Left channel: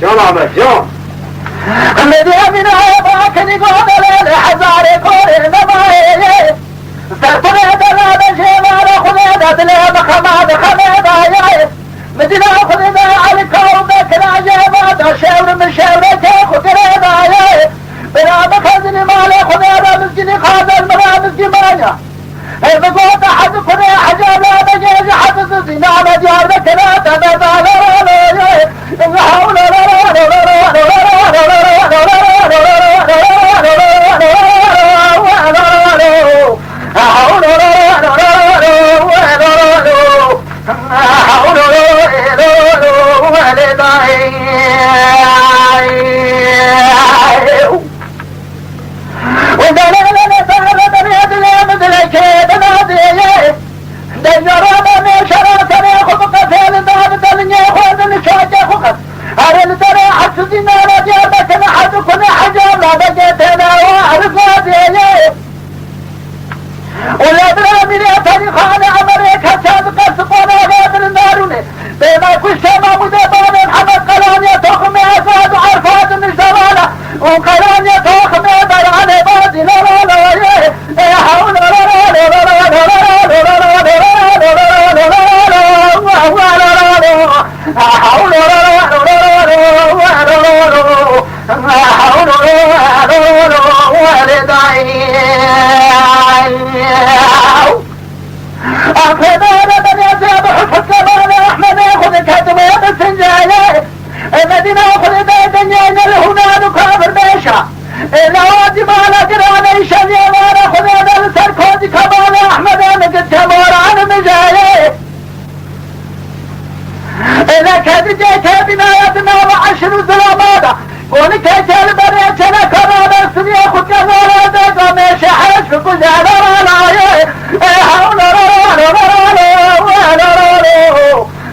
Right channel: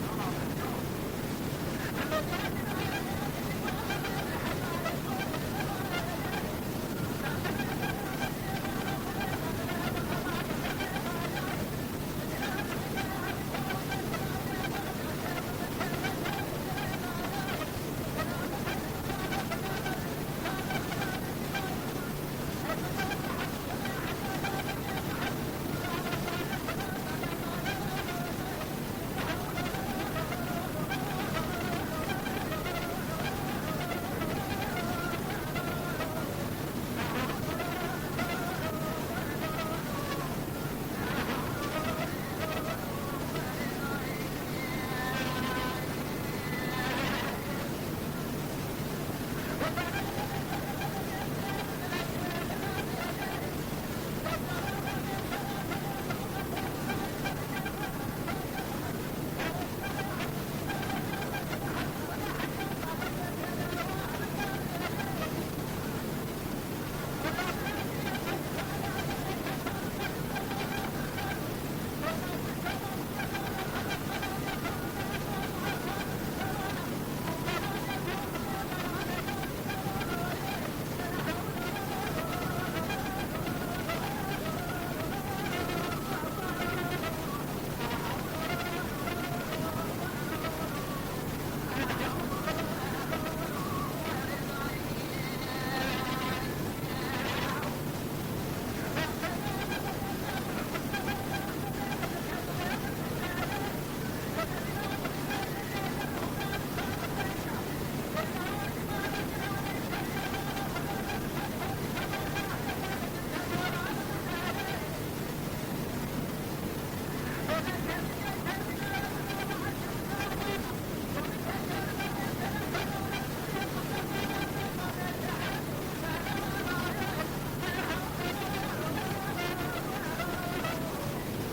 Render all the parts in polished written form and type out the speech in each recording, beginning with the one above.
جون عمر جون الذي من عيباك نقول للحزار كل نمائي سرطنة لا بشيما لخذيدة لهم خماد خميدة مدينة خذيدة على كوبك العجيبة شاور من شاورك خذيدة بلا مخزن مالي خذيدة مسجني خاذل مرا مسجمانيا بقوة حد كني حجاب لا بجيز حد سينا مجارك لا تبدأ لا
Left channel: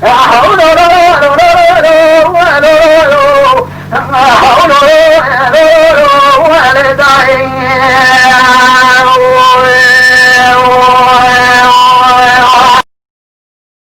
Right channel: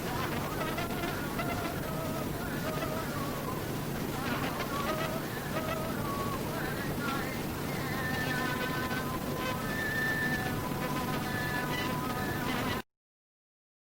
حول